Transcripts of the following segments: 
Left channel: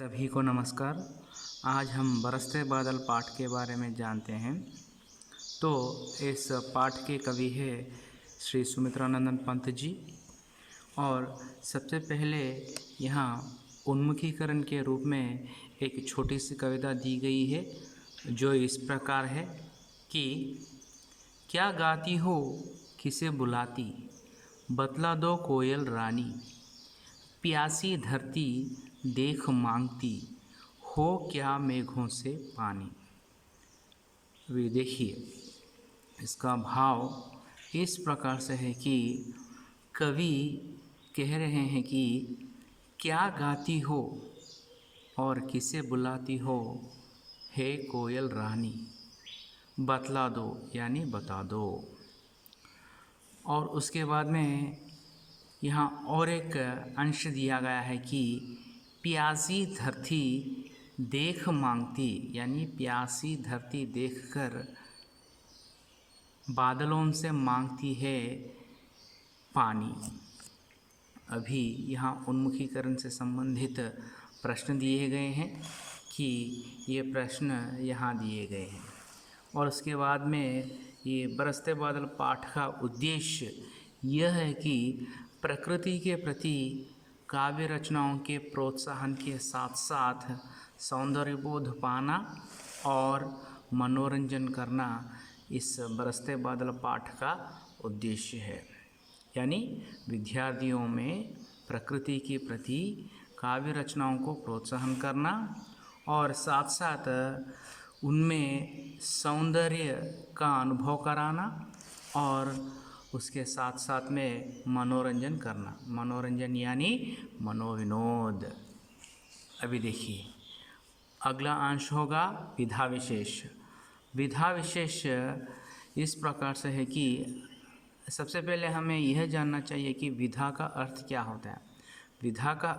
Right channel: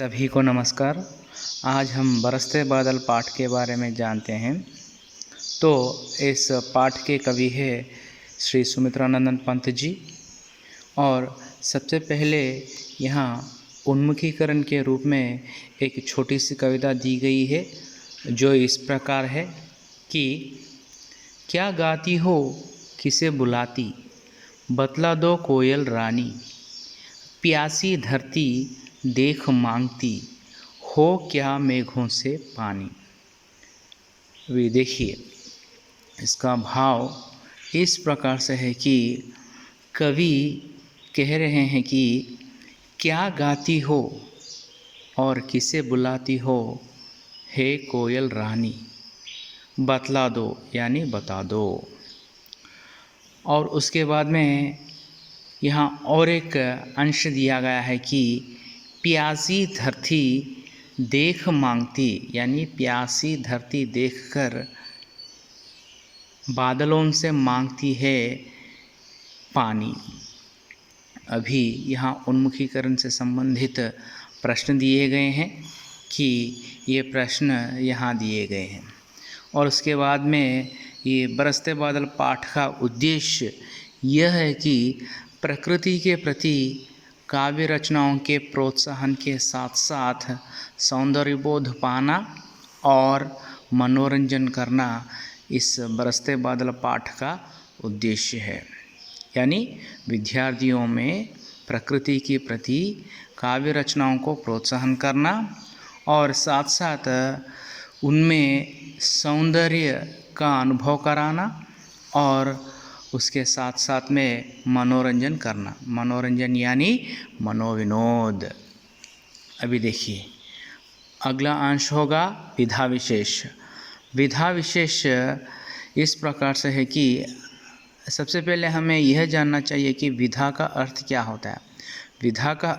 सभी को नमस्कार। आज हम बरसते बादल पाठ के बारे में जानते हैं। तो इस पाठ के कवि है श्री सुमित्रानंदन पंत जी। और सबसे पहले यहाँ उन्मुखीकरण के रूप में एक छोटी सी कविता दी गई है जो इस प्रकार है कि क्या गाती हो किसे बुलाती, बतला दो कोयल रानी, प्यासी धरती देख मांगती, हो क्या मेघों से पानी। वे देखिए, इसका भाव इस प्रकार से है कि कवि कह रहे हैं कि क्या गाती हो और किसे बुलाती हो, हे कोयल रानी, बतला दो यानी बता दो। और उसके बाद में यहाँ और एक अंश दिया गया है कि प्यासी धरती देख मांगती, यानी प्यासी धरती देखकर बादलों से मांगती है पानी। अभी यहाँ उन्मुखीकरण से संबंधित प्रश्न दिए गए हैं कि ये प्रश्न यहाँ दिए गए हैं। और उसके बाद में ये बरसते बादल पाठ का उद्देश्य यह है कि प्रकृति के प्रति काव्य रचनाओं के प्रोत्साहन के साथ साथ सौंदर्यबोध पाना और मनोरंजन करना इस बरसते बादल पाठ का उद्देश्य है। यानी विद्यार्थियों में प्रकृति के प्रति काव्य रचनाओं को प्रोत्साहन करना और साथ साथ उनमें सौंदर्य का अनुभव कराना और उसके साथ साथ में मनोरंजन करना। मनोरंजन यानी मनोविनोद। अभी देखिए, अगला अंश होगा विधा विशेष। विधा विशेष इस प्रकार से है कि सबसे पहले हमें यह जानना चाहिए कि विधा का अर्थ क्या होता है। विधा का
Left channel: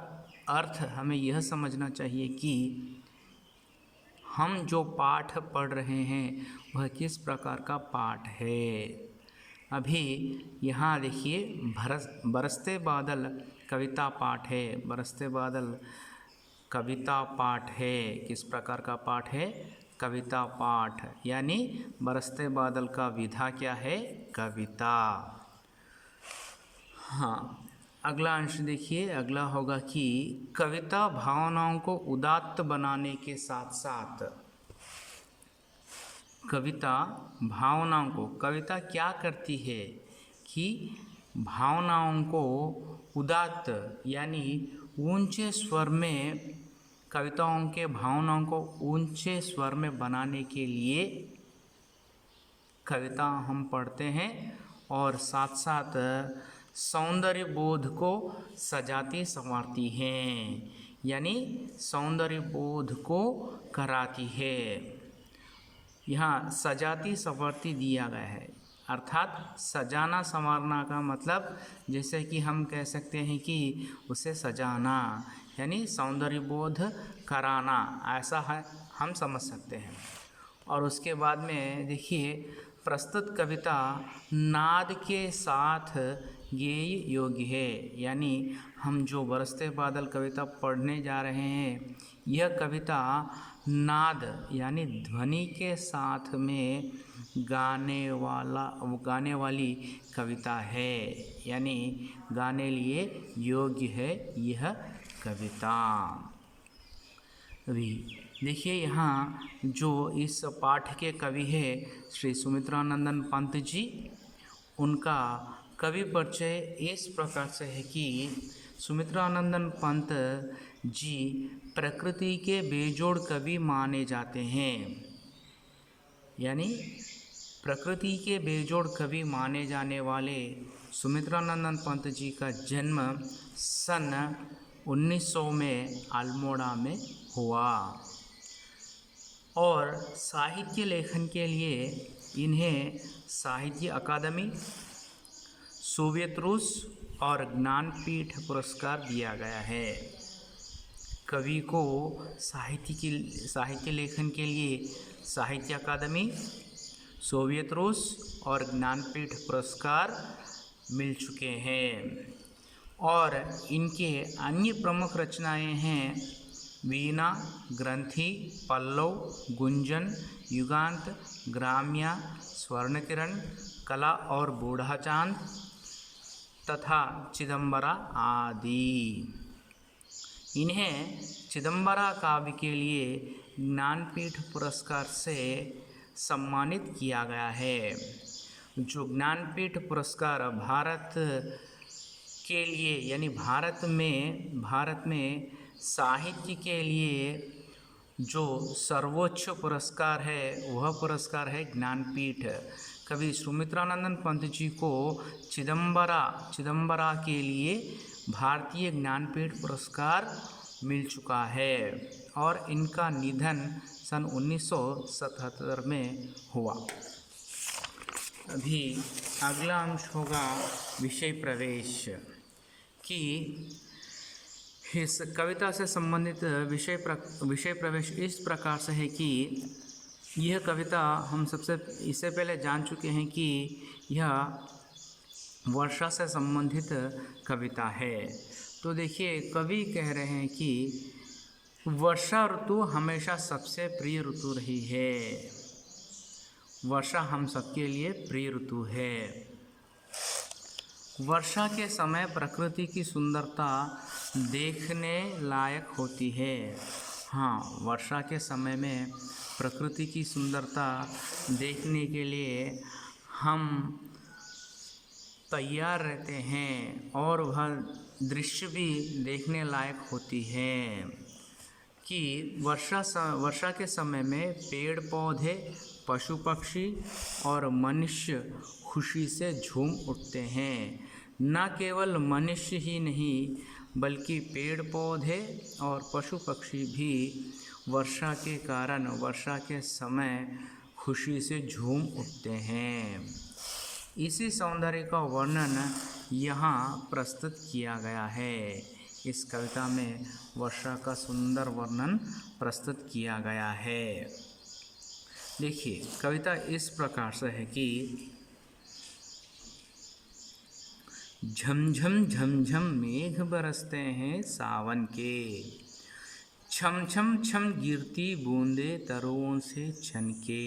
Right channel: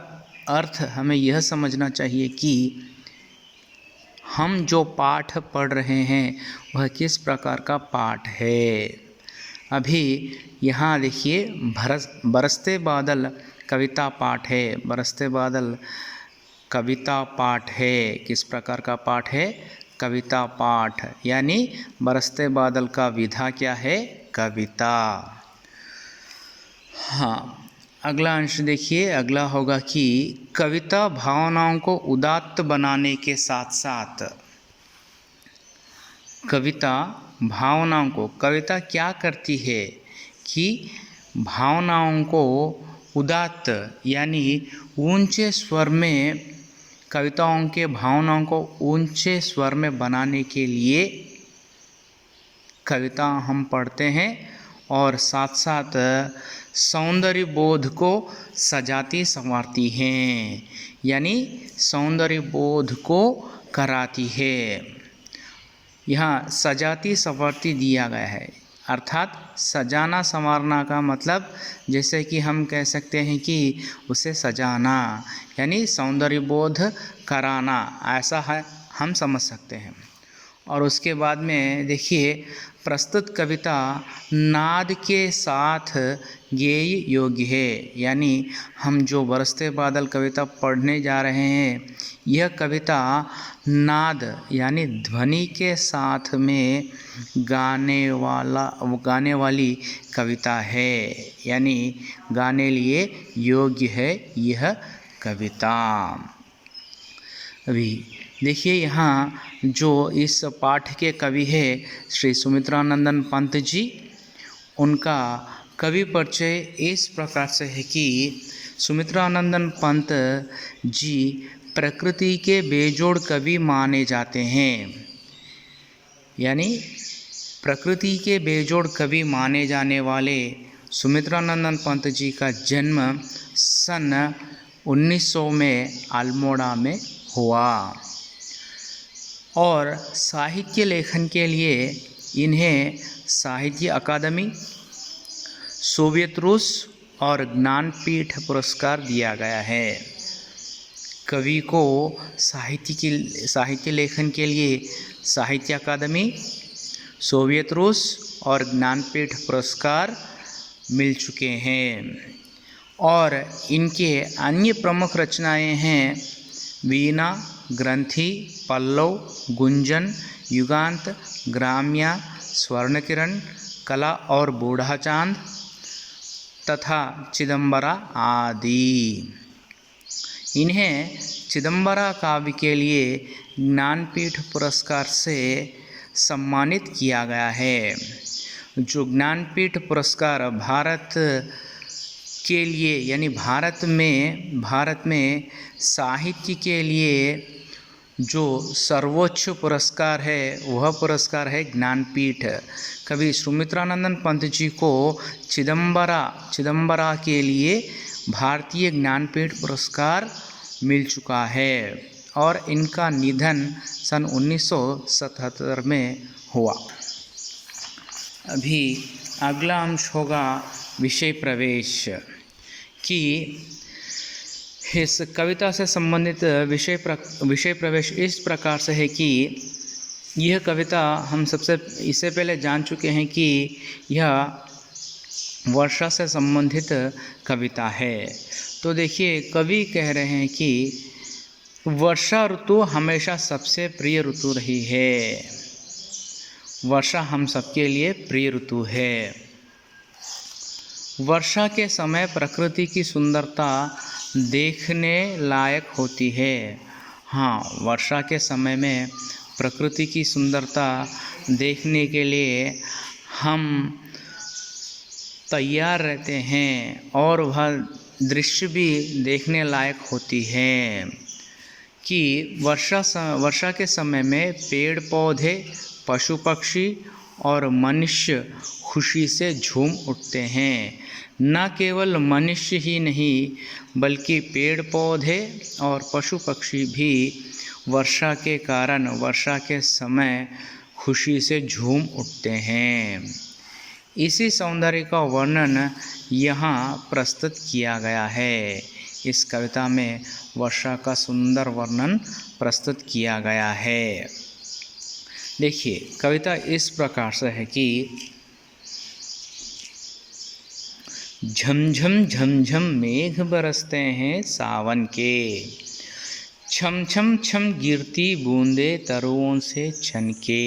अर्थ हमें यह समझना चाहिए कि हम जो पाठ पढ़ रहे हैं वह किस प्रकार का पाठ है। अभी यहाँ देखिए, बरसते बादल कविता पाठ है। बरसते बादल कविता पाठ है। किस प्रकार का पाठ है? कविता पाठ। यानी बरसते बादल का विधा क्या है? कविता। हाँ, अगला अंश देखिए, अगला होगा कि कविता भावनाओं को उदात्त बनाने के साथ साथ कविता भावनाओं को, कविता क्या करती है कि भावनाओं को उदात्त यानी ऊंचे स्वर में, कविताओं के भावनाओं को ऊंचे स्वर में बनाने के लिए कविता हम पढ़ते हैं और साथ साथ सौंदर्य बोध को सजाती संवारती हैं, यानी सौंदर्य बोध को कराती है। यहाँ सजाती संवारती दिया गया है, अर्थात सजाना संवारना का मतलब जैसे कि हम कह सकते हैं कि उसे सजाना यानी सौंदर्य बोध कराना, ऐसा है हम समझ सकते हैं। और उसके बाद में देखिए, प्रस्तुत कविता नाद के साथ गेय योग्य है। यानी हम जो बरसते बादल कविता पढ़ने जा रहे हैं, यह कविता नाद यानी ध्वनि के साथ में गाने वाली कविता है, यानी गाने लिए योग्य है यह कविता। अभी देखिए, यहाँ जो इस पाठ के कवि है श्री सुमित्रानंदन पंत जी, उनका कवि परिचय इस प्रकार से है कि सुमित्रानंदन पंत जी प्रकृति के बेजोड़ कवि माने जाते हैं। यानी प्रकृति के बेजोड़ कवि माने जाने वाले सुमित्रानंदन पंत जी का जन्म सन 1900 में अल्मोड़ा में हुआ और साहित्य लेखन के लिए इन्हें साहित्य अकादमी, सोवियत रूस और ज्ञानपीठ पुरस्कार दिया गया है। कवि को साहित्य लेखन के लिए साहित्य अकादमी, सोवियत रूस और ज्ञानपीठ पुरस्कार मिल चुके हैं। और इनके अन्य प्रमुख रचनाएं हैं वीणा, ग्रंथि, पल्लव, गुंजन, युगांत, ग्राम्या, स्वर्णकिरण, कला और बूढ़ा चांद तथा चिदंबरा आदि। इन्हें चिदंबरा काव्य के लिए ज्ञानपीठ पुरस्कार से सम्मानित किया गया है। जो ज्ञानपीठ पुरस्कार भारत के लिए यानी भारत में साहित्य के लिए जो सर्वोच्च पुरस्कार है वह पुरस्कार है ज्ञानपीठ। कवि सुमित्रानंदन पंत जी को चिदंबरा के लिए भारतीय ज्ञानपीठ पुरस्कार मिल चुका है और इनका निधन सन 1977 में हुआ। अभी अगला अंश होगा विषय प्रवेश कि इस कविता से संबंधित विषय प्रवेश इस प्रकार से है कि यह कविता हम इससे पहले जान चुके हैं कि यह वर्षा से संबंधित कविता है। तो देखिए कवि कह रहे हैं कि वर्षा ऋतु हमेशा सबसे प्रिय ऋतु रही है। वर्षा हम सबके लिए प्रिय ऋतु है। वर्षा के समय प्रकृति की सुंदरता देखने लायक होती है। हाँ, वर्षा के समय में प्रकृति की सुंदरता देखने के लिए हम तैयार रहते हैं और वह दृश्य भी देखने लायक होती है कि वर्षा के समय में पेड़ पौधे, पशु पक्षी और मनुष्य खुशी से झूम उठते हैं। न केवल मनुष्य ही नहीं बल्कि पेड़ पौधे और पशु पक्षी भी वर्षा के कारण वर्षा के समय खुशी से झूम उठते हैं। इसी सौंदर्य का वर्णन यहाँ प्रस्तुत किया गया है। इस कविता में वर्षा का सुंदर वर्णन प्रस्तुत किया गया है। देखिए कविता इस प्रकार से है कि झमझम झमझम मेघ बरसते हैं सावन के, छम छम छम गिरती बूंदे तरुओं से छनके,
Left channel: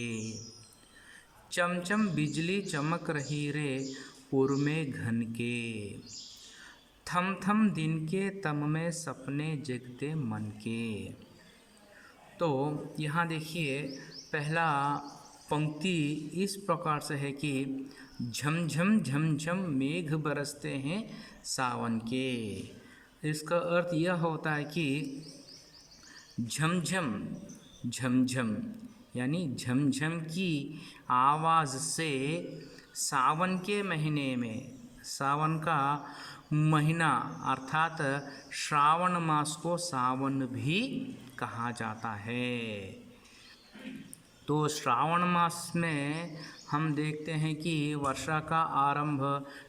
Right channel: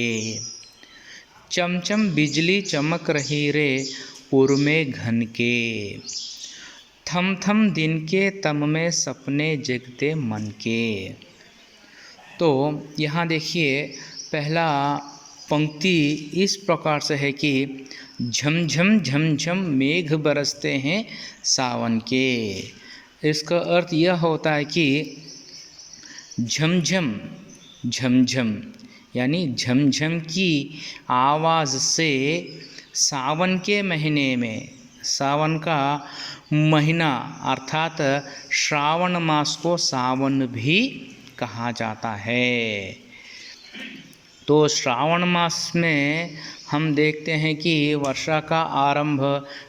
चमचम बिजली चमक रही रे पुर में घन के, थम थम दिन के तम में सपने जगते मन के। तो यहाँ देखिए पहला पंक्ति इस प्रकार से है कि झमझम झमझम मेघ बरसते हैं सावन के। इसका अर्थ यह होता है कि झमझम झमझम यानी झमझम की आवाज़ से सावन के महीने में, सावन का महीना अर्थात श्रावण मास को सावन भी कहा जाता है। तो श्रावण मास में हम देखते हैं कि वर्षा का आरंभ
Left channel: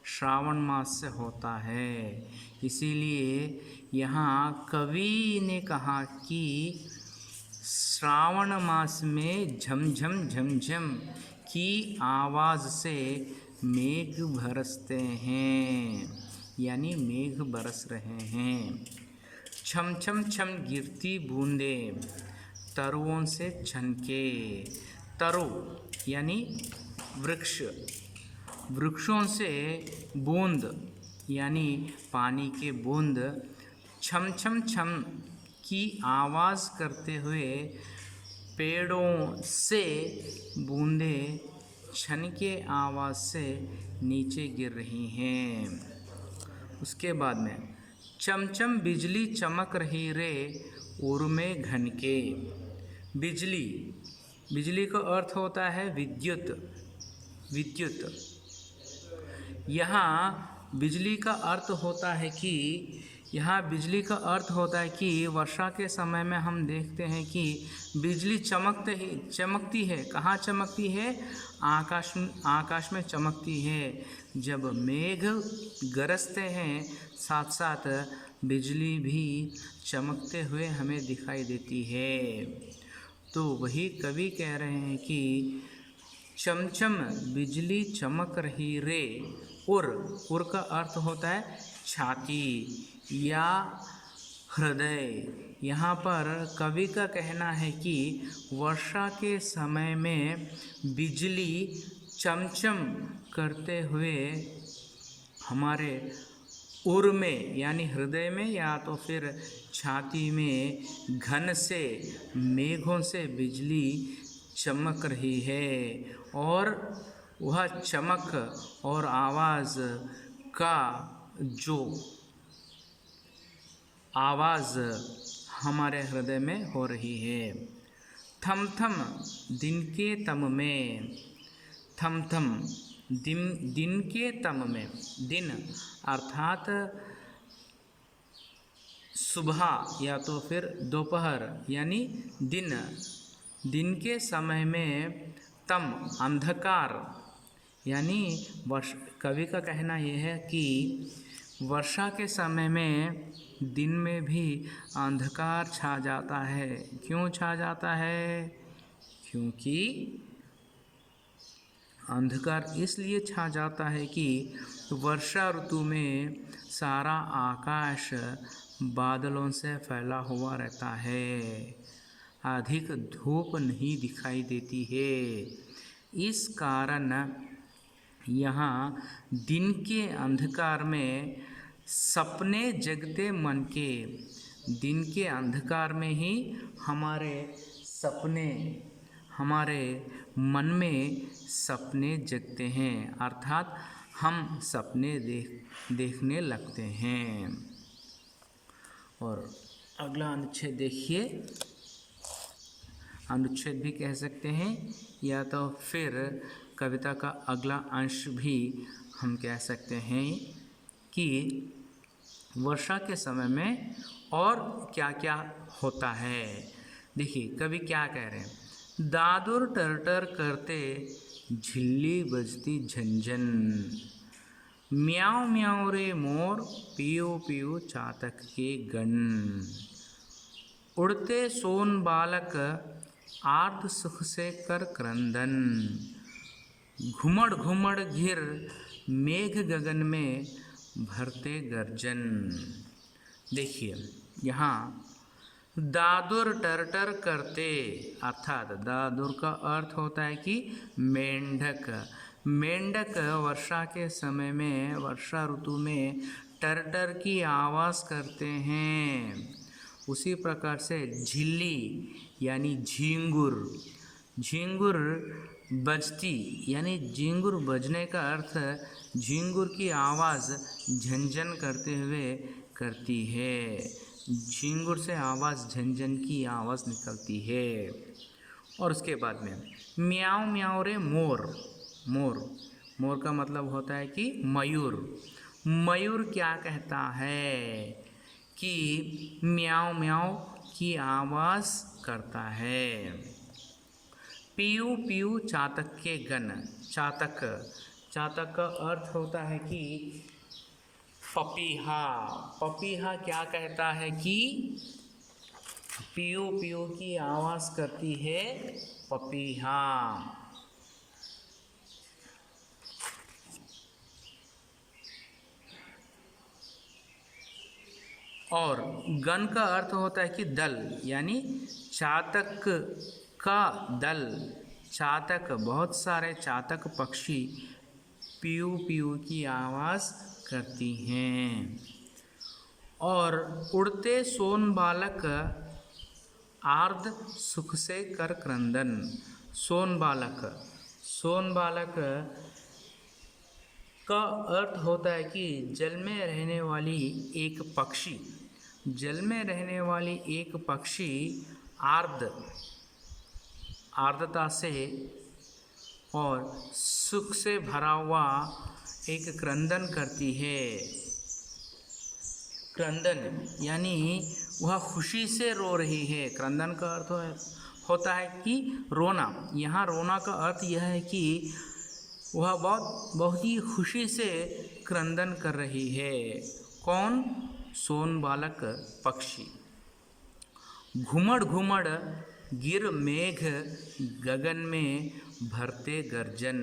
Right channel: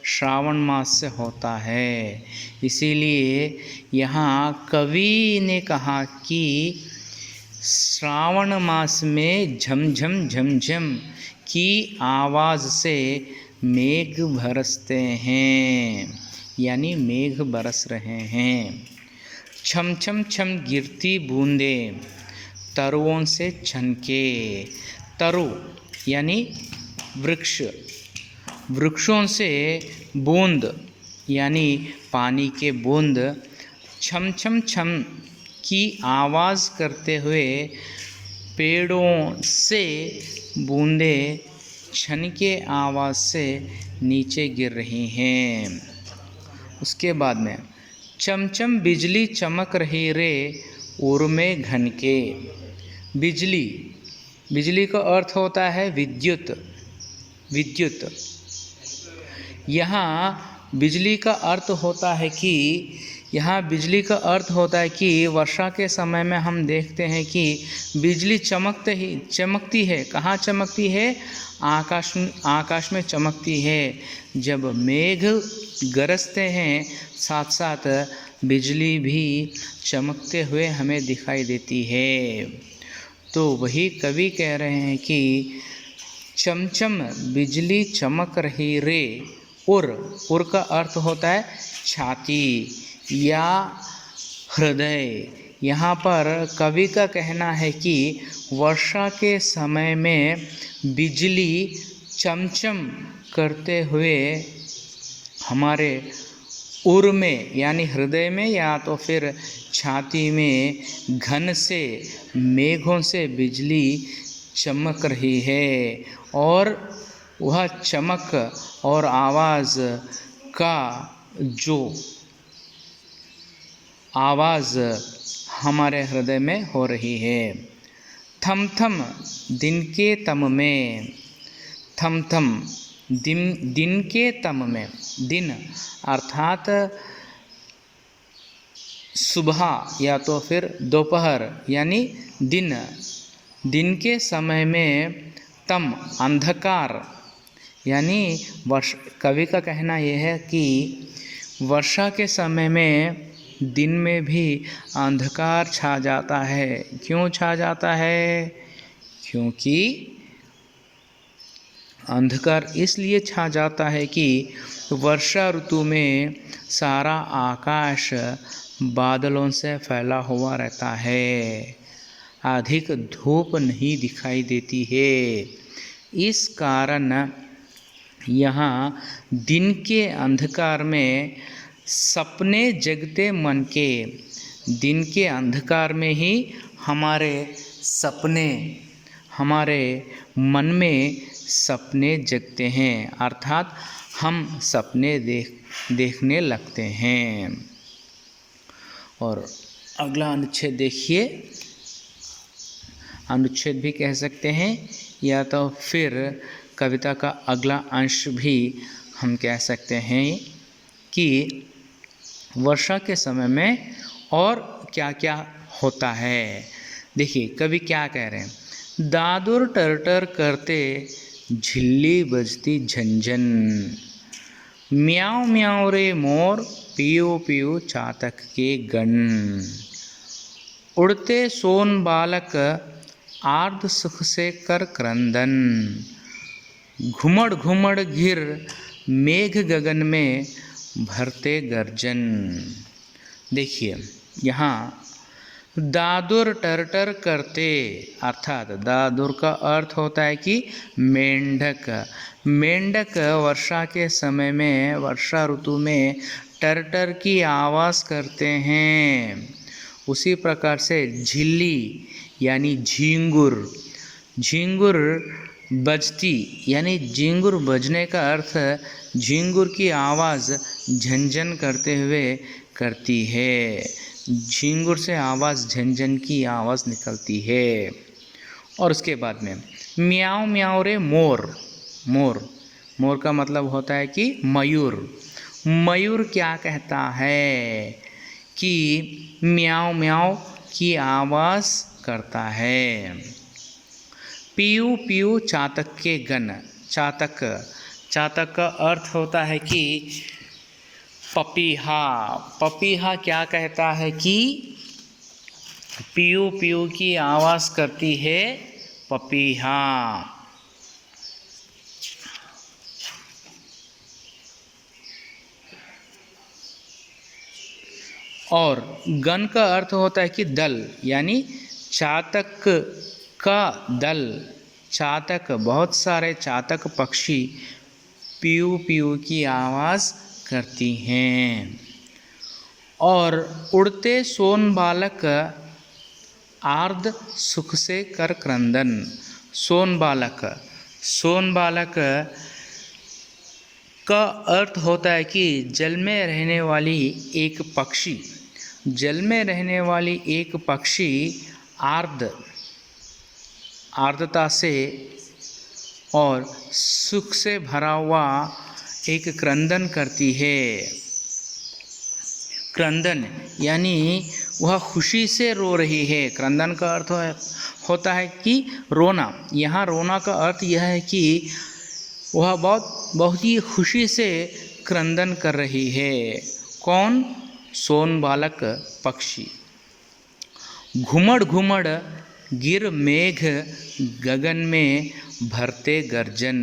श्रावण मास से होता है। इसीलिए यहाँ कवि ने कहा कि श्रावण मास में झमझम झमझम की आवाज़ से मेघ बरसते हैं यानी मेघ बरस रहे हैं। छम छम छम गिरती बूंदे तरुओं से छनके, तरु यानी वृक्ष, वृक्षों से बूंद यानी पानी के बूंद छम छम छम की आवाज़ करते हुए पेड़ों से बूंदे छनके आवाज़ से नीचे गिर रही हैं। उसके बाद में चमचम बिजली चमक रही रे उर्मे घन के। बिजली, बिजली का अर्थ होता है विद्युत, विद्युत। यहाँ बिजली का अर्थ होता है कि वर्षा के समय में हम देखते हैं कि बिजली चमकती है। कहाँ चमकती है? आकाश में चमकती है। जब मेघ गरजते हैं साथ साथ बिजली भी चमकते हुए हमें दिखाई देती है। तो वही कवि कह रहे हैं कि चमचम बिजली चमक रही रे। उर का अर्थ होता है छाती या हृदय यहाँ पर कवि का कहना है कि वर्षा के समय में बिजली चमचम करते हुए हमारे उर में यानी हृदय में या तो फिर छाती में घन से मेघों से बिजली चमक रही है और वह चमक और आवाज़ का जो आवाज़ हमारे हृदय में हो रही है। थम थम दिन के तम में, थम थम दिन के तम में, दिन अर्थात सुबह या तो फिर दोपहर यानी दिन के समय में, तम अंधकार यानी कवि का कहना यह है कि वर्षा के समय में दिन में भी अंधकार छा जाता है। क्यों छा जाता है? क्योंकि अंधकार इसलिए छा जाता है कि वर्षा ऋतु में सारा आकाश बादलों से फैला हुआ रहता है, अधिक धूप नहीं दिखाई देती है। इस कारण यहाँ दिन के अंधकार में सपने जगते मन के, दिन के अंधकार में ही हमारे सपने, हमारे मन में सपने जगते हैं, अर्थात हम सपने देखने लगते हैं। और अगला अनुच्छेद देखिए, अनुच्छेद भी कह सकते हैं या तो फिर कविता का अगला अंश भी हम कह सकते हैं कि वर्षा के समय में और क्या क्या होता है। देखिए कवि क्या कह रहे हैं, दादुर टरटर करते झिल्ली बजती झंझन, म्याऊं म्याऊं रे मोर पियो पियो चातक के गण, उड़ते सोन बालक आर्द सुख से कर क्रंदन, घुमड़ घुमड़ घिर मेघ गगन में भरते गर्जन। देखिए यहाँ दादुर टरटर करते, अर्थात दादुर का अर्थ होता है कि मेंढक। मेंढक वर्षा के समय में, वर्षा ऋतु में टरटर की आवाज़ करते हैं। उसी प्रकार से झिल्ली यानी झींगुर, झींगुर बजती यानी झींगुर बजने का अर्थ झींगुर की आवाज़ झंझन करते हुए करती है। झींगुर से आवाज़ झंझन की आवाज़ निकलती है। और उसके बाद में म्याऊं म्याऊं रे मोर, मोर, मोर का मतलब होता है कि मयूर। मयूर क्या कहता है कि म्याऊं म्याऊं की आवाज़ करता है। पीयू पीयू चातक के गण, चातक, चातक का अर्थ होता है कि पपीहा। पपीहा क्या कहता है कि पीयू पीयू की आवाज़ करती है पपीहा। और गण का अर्थ होता है कि दल, यानी चातक का दल। चातक, बहुत सारे चातक पक्षी पीयू पीयू की आवाज़ करती हैं। और उड़ते सोन बालक आर्द सुख से कर क्रंदन। सोन बालक, सोन बालक का अर्थ होता है कि जल में रहने वाली एक पक्षी, जल में रहने वाली एक पक्षी आर्द, आर्द्रता से और सुख से भरा हुआ एक क्रंदन करती है। क्रंदन यानी वह खुशी से रो रही है। क्रंदन का अर्थ होता है कि रोना। यहाँ रोना का अर्थ यह है कि वह बहुत ही खुशी से क्रंदन कर रही है। कौन? सोन बालक पक्षी। घुमड़ घुमड़ गिर मेघ गगन में भरते गर्जन।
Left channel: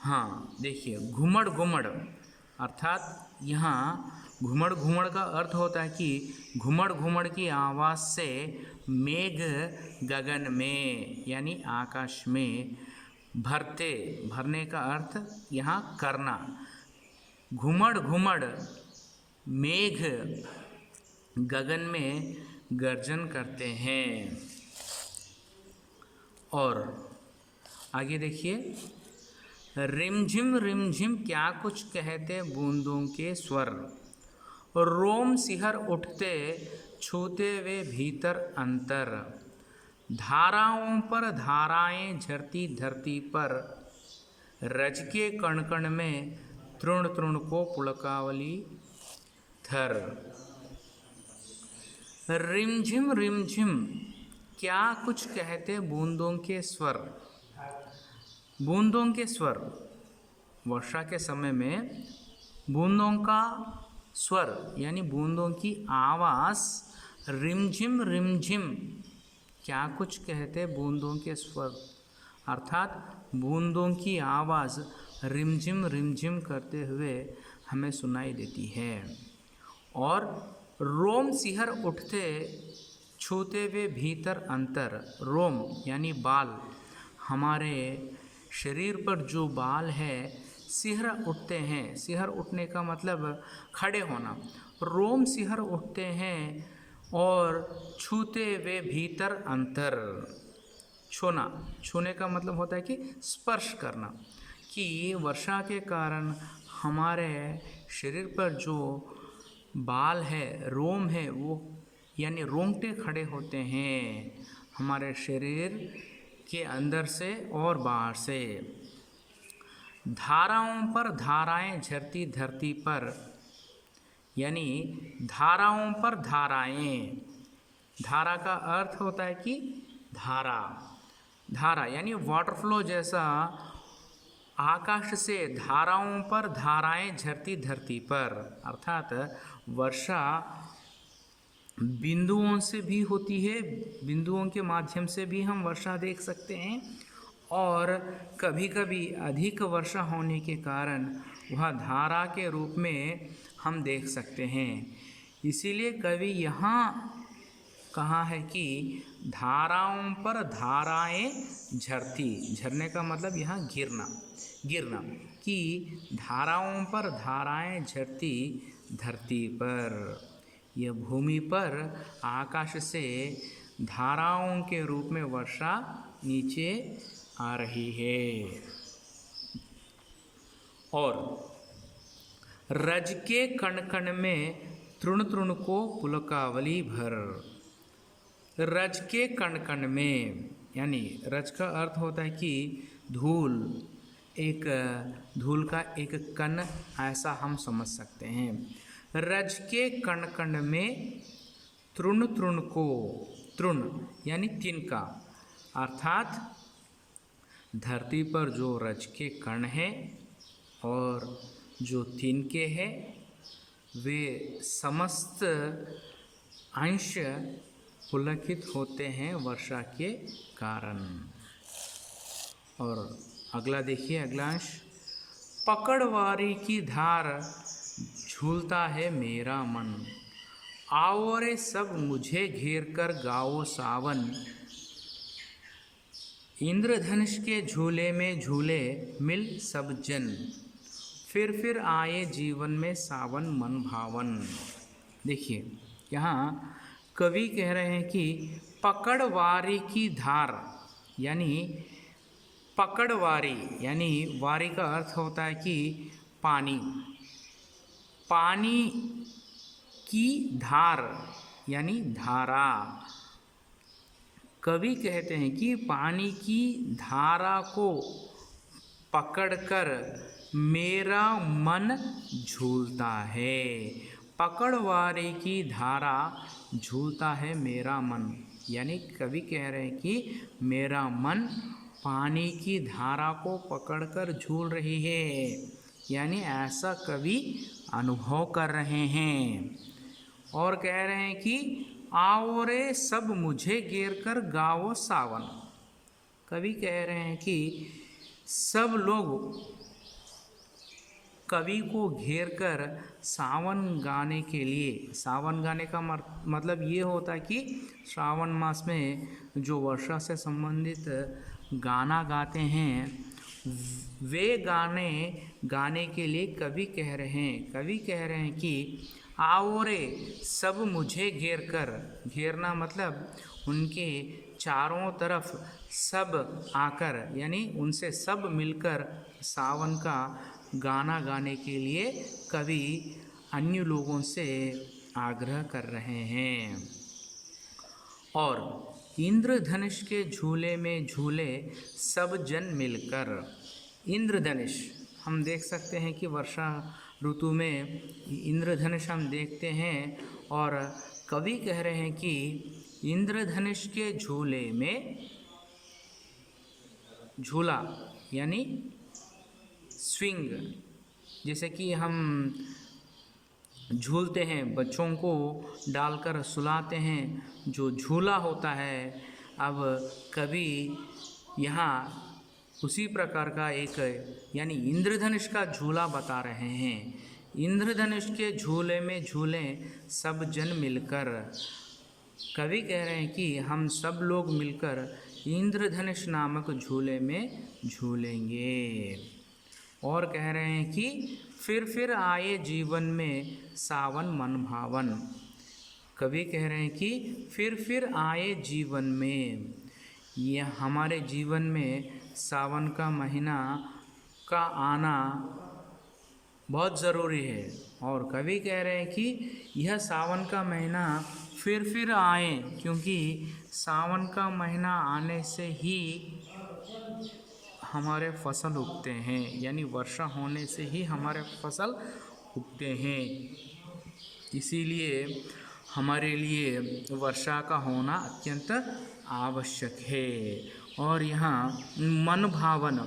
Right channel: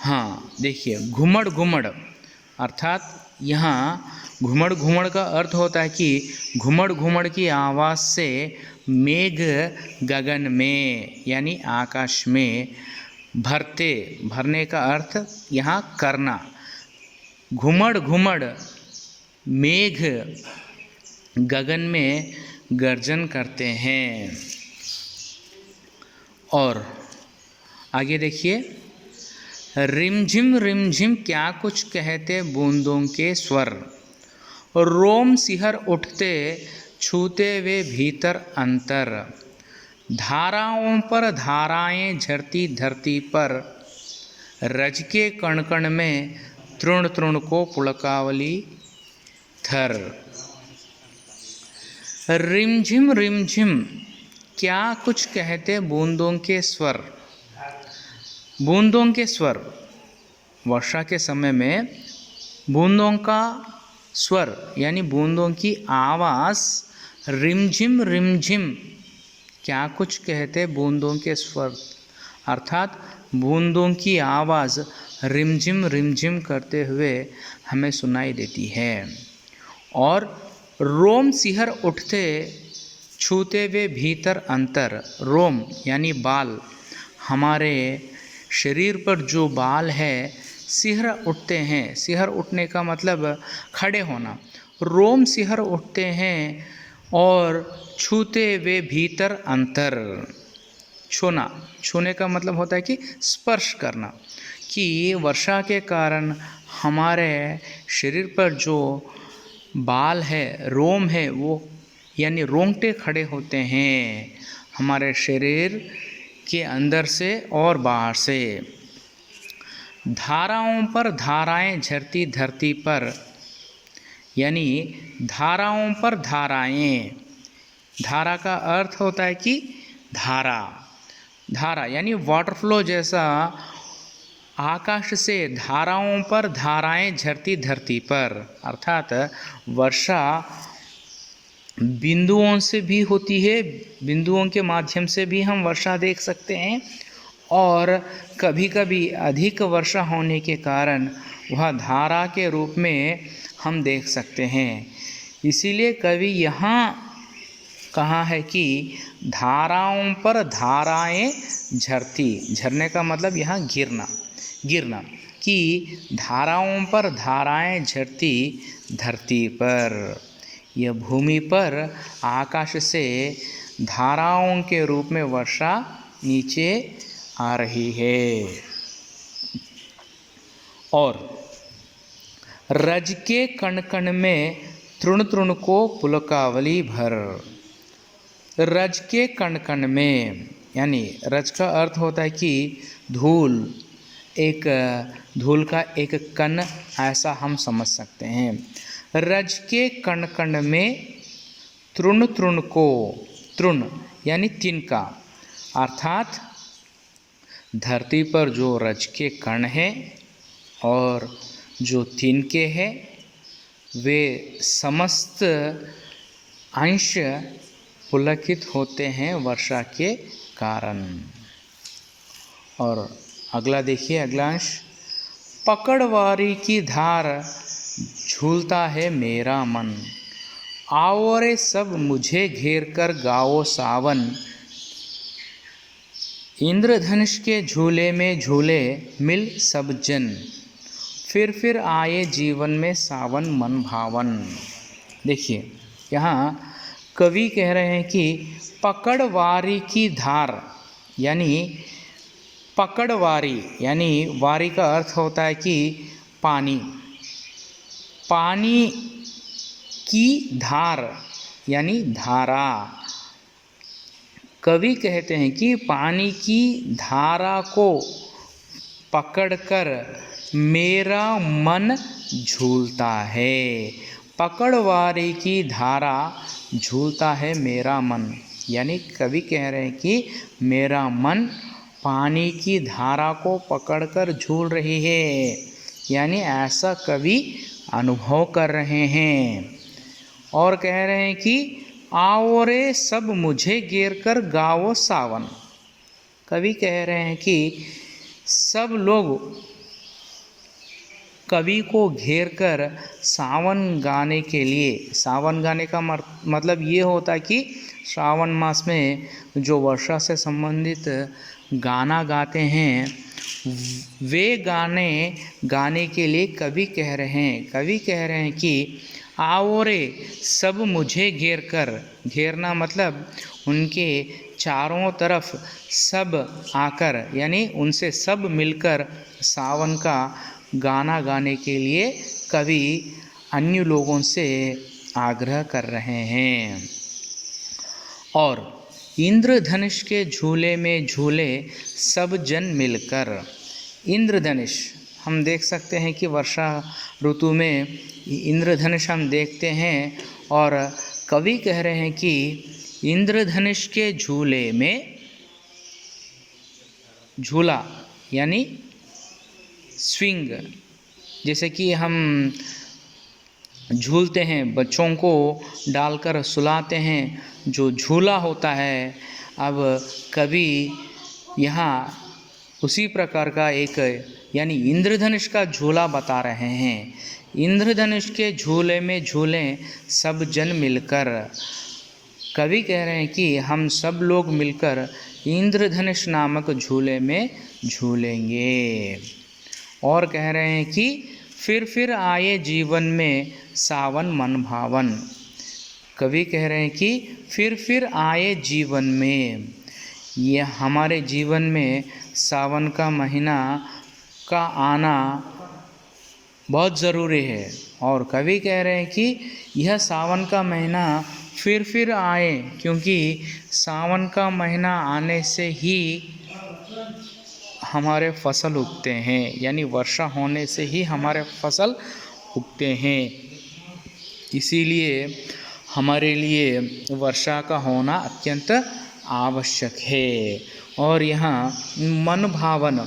हाँ देखिए, घुमड़ घुमड़ अर्थात यहाँ घुमड़ घुमड़ का अर्थ होता है कि घुमड़ घुमड़ की आवाज़ से मेघ गगन में यानी आकाश में भरते, भरने का अर्थ यहाँ करना। घुमड़ घुमड़ मेघ गगन में गर्जन करते हैं। और आगे देखिए, रिमझिम क्या कुछ कहते बूंदों के स्वर, रोम सिहर उठते छूते वे भीतर अंतर, धाराओं पर धाराएं झरती धरती पर, रज के कण कण में तृण तृण को पुलकावली थर। रिमझिम क्या कुछ कहते बूंदों के स्वर। बूंदों के स्वर, वर्षा के समय में बूंदों का स्वर यानी बूंदों की आवाज़ रिमझिम क्या कुछ कहते बूंदों के स्वर, अर्थात बूंदों की आवाज़ रिमझिम करते हुए हमें सुनाई देती है। और रोम सिहर उठते छूते वे भीतर अंतर, रोम यानी बाल, हमारे शरीर पर जो बाल है सिहर उठते हैं। सिहर उठने का मतलब खड़े होना। रोम सिहर उठते हैं और छूते वे भीतर अंतर, छूना, छूने का मतलब होता है कि स्पर्श करना, कि वर्षा के कारण हमारे शरीर पर जो बाल है, रोम है, वो यानी रोंगटे खड़े होते हैं हमारे शरीर के अंदर से और बाहर से। धाराओं पर धाराएं झरती धरती पर, यानी धाराओं पर धाराएं, धारा का अर्थ होता है कि धारा, धारा यानी वाटर फ्लो जैसा आकाश से धाराओं पर धाराएं झरती धरती पर, अर्थात वर्षा बिंदुओं से भी होती है, बिंदुओं के माध्यम से भी हम वर्षा देख सकते हैं, और कभी कभी अधिक वर्षा होने के कारण वह धारा के रूप में हम देख सकते हैं। इसीलिए कवि यहाँ कहा है कि धाराओं पर धाराएं झरती, झरने का मतलब यहाँ गिरना, गिरना, कि धाराओं पर धाराएं झरती धरती पर, यह भूमि पर आकाश से धाराओं के रूप में वर्षा नीचे आ रही है। और रज के कण कण में तृण तृण को पुलकावली भर, रज के कण कण में यानी रज का अर्थ होता है कि धूल, एक धूल का एक कण ऐसा हम समझ सकते हैं। रज के कण कण में तृण तृण को, तृण यानी तिनका, अर्थात धरती पर जो रज के कण हैं और जो तिनके हैं वे समस्त अंश पुलकित होते हैं वर्षा के कारण। और अगला देखिए, अगला अंश, पकड़वारी की धार झूलता है मेरा मन, आओ रे सब मुझे घेर कर गाओ सावन, इंद्रधनुष के झूले में झूले मिल सब जन, फिर आए जीवन में सावन मन भावन। देखिए यहाँ कवि कह रहे हैं कि पकड़वारी की धार, यानी पकड़वारी यानी वारी का अर्थ होता है कि पानी, पानी की धार यानी धारा। कवि कहते हैं कि पानी की धारा को पकड़कर मेरा मन झूलता है, पकड़वारी की धारा झूलता है मेरा मन, यानी कवि कह रहे हैं कि मेरा मन पानी की धारा को पकड़कर झूल रही है, यानी ऐसा कवि अनुभव कर रहे हैं। और कह रहे हैं कि आओ रे सब मुझे घेर कर गाओ सावन, कवि कह रहे हैं कि सब लोग कवि को घेर कर सावन गाने के लिए, सावन गाने का मतलब ये होता है कि श्रावण मास में जो वर्षा से संबंधित गाना गाते हैं, वे गाने गाने के लिए कवि कह रहे हैं कि आओ रे सब मुझे घेर कर। घेरना मतलब उनके चारों तरफ सब आकर, यानी उनसे सब मिलकर सावन का गाना गाने के लिए कवि अन्य लोगों से आग्रह कर रहे हैं। और इंद्रधनुष के झूले में झूले सब जन मिलकर। इंद्रधनुष हम देख सकते हैं कि वर्षा ऋतु में इंद्रधनुष हम देखते हैं, और कवि कह रहे हैं कि इंद्रधनुष के झूले में, झूला यानी स्विंग, जैसे कि हम झूलते हैं, बच्चों को डालकर सुलाते हैं, जो झूला होता है। अब कवि यहाँ उसी प्रकार का एक, यानी इंद्रधनुष का झूला बता रहे हैं। इंद्रधनुष के झूले में झूलें सब जन मिलकर। कवि कह रहे हैं कि हम सब लोग मिलकर इंद्रधनुष नामक झूले में झूलेंगे। और कह रहे हैं कि फिर आए जीवन में सावन मन भावन। कवि कह रहे हैं कि फिर आए जीवन में, ये हमारे जीवन में सावन का महीना का आना बहुत ज़रूरी है। और कवि कह रहे हैं कि यह सावन का महीना फिर आए, क्योंकि सावन का महीना आने से ही हमारे फसल उगते हैं, यानी वर्षा होने से ही हमारे फसल उगते हैं। इसीलिए हमारे लिए वर्षा का होना अत्यंत आवश्यक है। और यहाँ मन भावन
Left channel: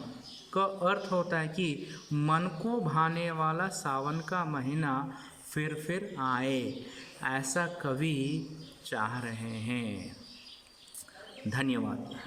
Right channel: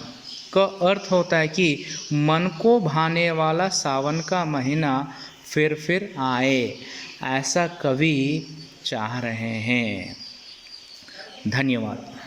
का अर्थ होता है कि मन को भाने वाला सावन का महीना फिर आए, ऐसा कवि चाह रहे हैं। धन्यवाद।